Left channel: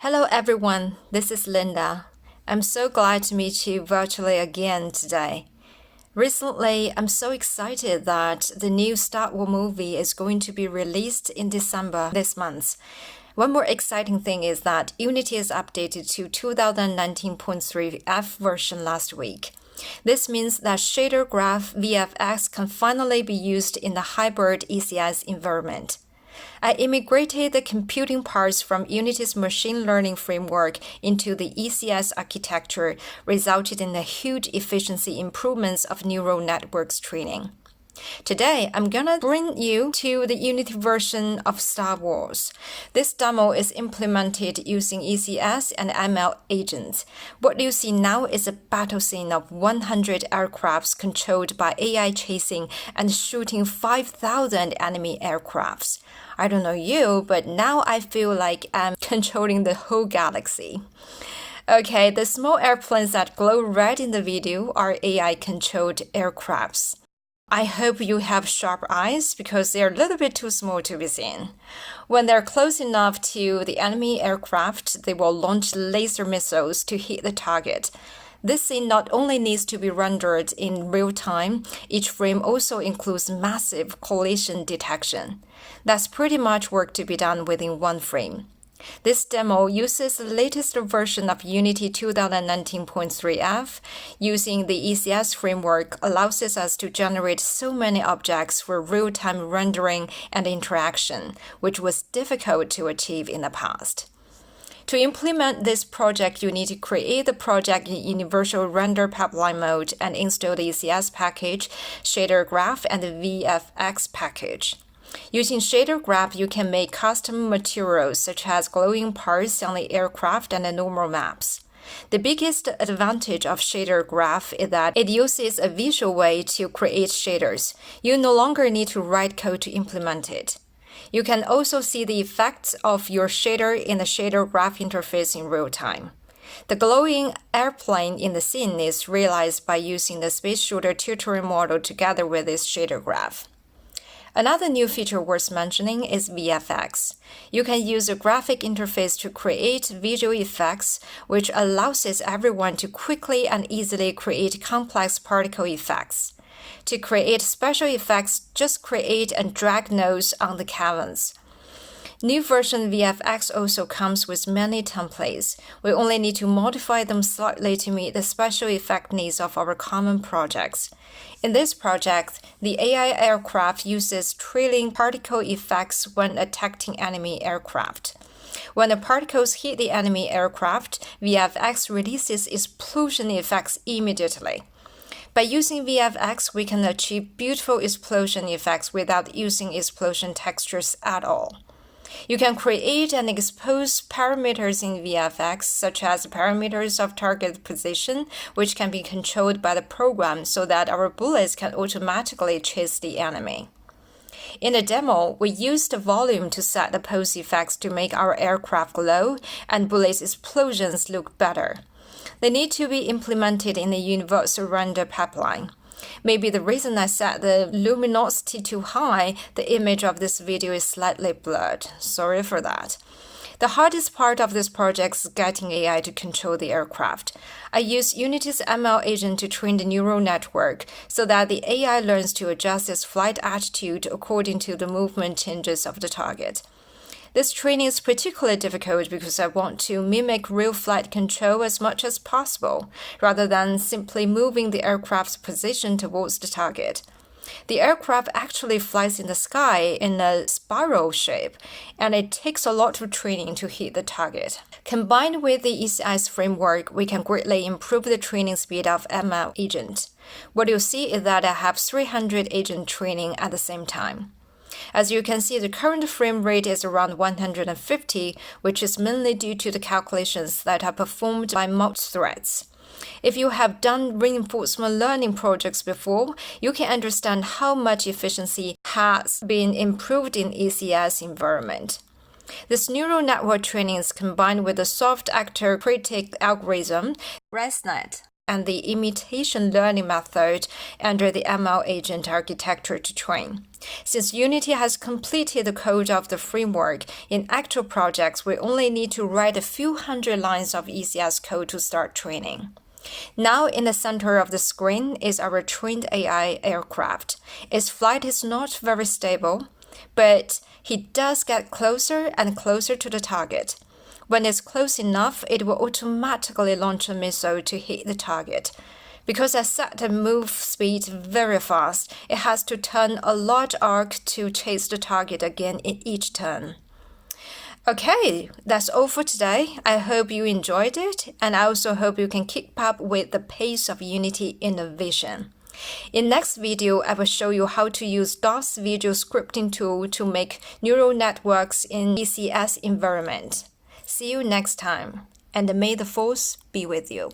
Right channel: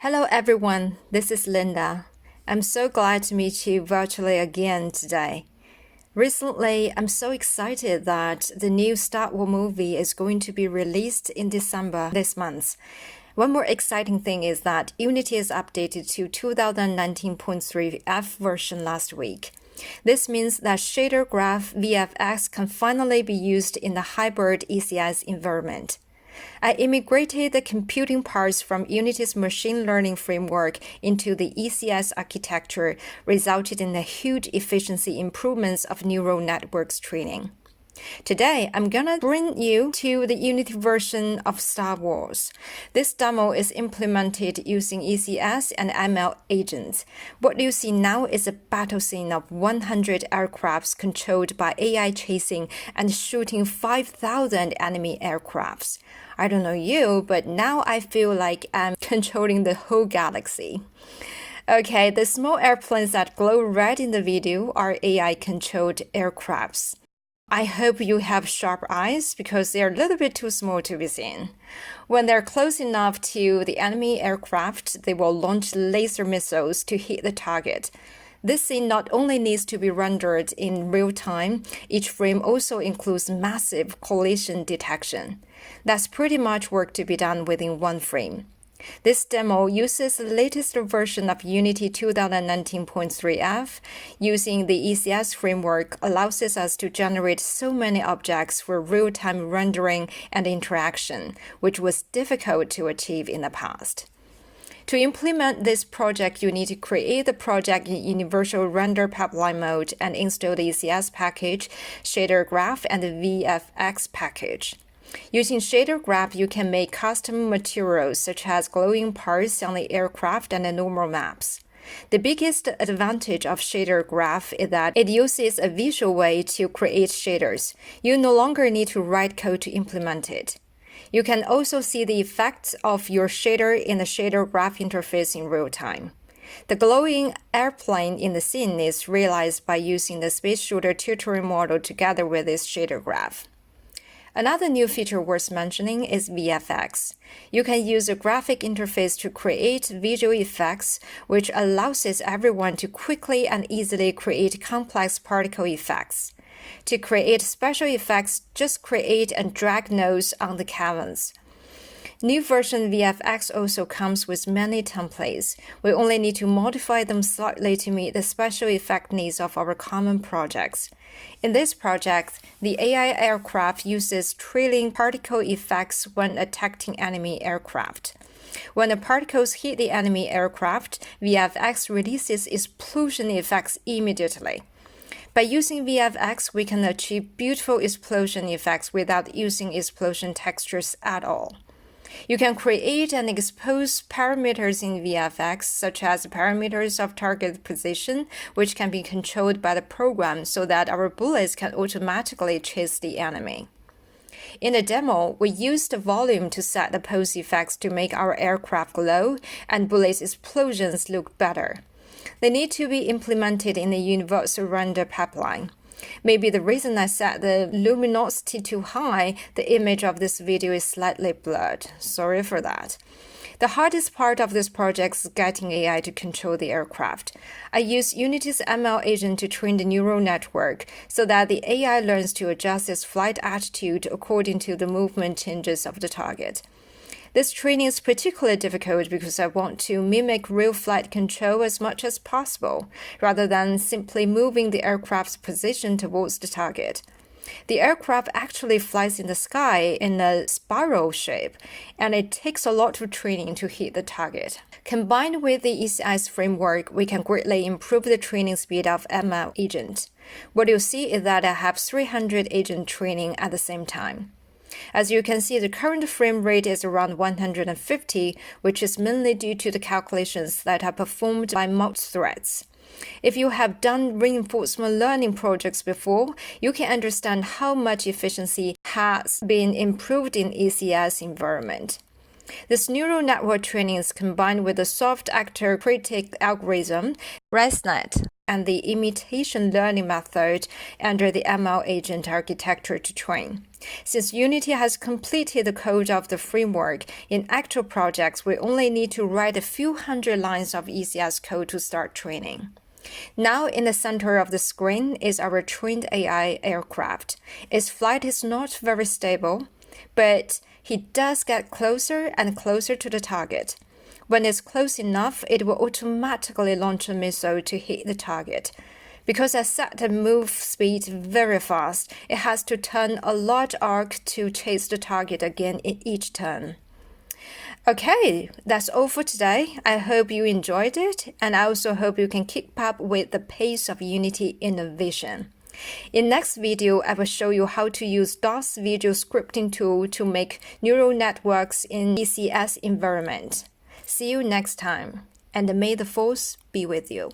Hello everyone, this is Linda. I'm so glad to meet you virtually again today. Recently, I'm so excited that the new Star Wars movie is going to be released in December this month. One more exciting thing is that Unity is updated to 2019.3F version last week. This means that ShaderGraph VFX can finally be used in the hybrid ECS environment. I immigrated the computing parts from Unity's machine learning framework into the ECS architecture, resulted in the huge efficiency improvements of neural networks training. Today, I'm gonna bring you to the Unity version of Star Wars. This demo is implemented using ECS and ML agents. What you see now is a battle scene of 100 aircrafts controlled by AI chasing and shooting 5,000 enemy aircrafts. I don't know you, but now I feel like I'm controlling the whole galaxy. Okay, the small airplanes that glow red in the video are AI-controlled aircrafts. I hope you have sharp eyes because they're a little bit too small to be seen. When they're close enough to the enemy aircraft, they will launch laser missiles to hit the target. This scene not only needs to be rendered in real time, each frame also includes massive collision detection. That's pretty much work to be done within one frame. This demo uses the latest version of Unity 2019.3F. Using the ECS framework allows us to generate so many objects for real-time rendering and interaction, which was difficult to achieve in the past. To implement this project, you need to create the project in Universal Render Pipeline mode and install the ECS package, ShaderGraph, and the VFX package. Using ShaderGraph, you can make custom materials such as glowing parts on the aircraft and the normal maps. The biggest advantage of ShaderGraph is that it uses a visual way to create shaders. You no longer need to write code to implement it. You can also see the effects of your shader in the ShaderGraph interface in real time. The glowing airplane in the scene is realized by using the Space Shooter tutorial model together with this ShaderGraph. Another new feature worth mentioning is VFX. You can use a graphic interface to create visual effects, which allows everyone to quickly and easily create complex particle effects. To create special effects, just create and drag nodes on the canvas. New version VFX also comes with many templates. We only need to modify them slightly to meet the special effect needs of our common projects. In this project, the AI aircraft uses trailing particle effects when attacking enemy aircraft. When the particles hit the enemy aircraft, VFX releases explosion effects immediately. By using VFX, we can achieve beautiful explosion effects without using explosion textures at all. You can create and expose parameters in VFX, such as parameters of target position, which can be controlled by the program so that our bullets can automatically chase the enemy. In the demo, we used the volume to set the pose effects to make our aircraft glow and bullets explosions look better. They need to be implemented in the Universal Render Pipeline. Maybe the reason I set the luminosity too high, the image of this video is slightly blurred. Sorry for that. The hardest part of this project is getting AI to control the aircraft. I use Unity's ML agent to train the neural network so that the AI learns to adjust its flight attitude according to the movement changes of the target. This training is particularly difficult because I want to mimic real flight control as much as possible, rather than simply moving the aircraft's position towards the target. The aircraft actually flies in the sky in a spiral shape, and it takes a lot of training to hit the target. Combined with the ECS framework, we can greatly improve the training speed of ML agent. What you'll see is that I have 300 agent training at the same time. As you can see, the current frame rate is around 150, which is mainly due to the calculations that are performed by multi-threads. If you have done reinforcement learning projects before, you can understand how much efficiency has been improved in ECS environment. This neural network training is combined with the Soft Actor-Critic algorithm, ResNet. and the imitation learning method under the ML agent architecture to train. Since Unity has completed the code of the framework, in actual projects, we only need to write a few hundred lines of ECS code to start training. Now in the center of the screen is our trained AI aircraft. Its flight is not very stable, but he does get closer and closer to the target. When it's close enough, it will automatically launch a missile to hit the target. Because I set the move speed very fast, it has to turn a large arc to chase the target again in each turn. Okay, that's all for today. I hope you enjoyed it, and I also hope you can keep up with the pace of Unity innovation. In next video, I will show you how to use DOS visual scripting tool to make neural networks in ECS environment. See you next time, and may the force be with you.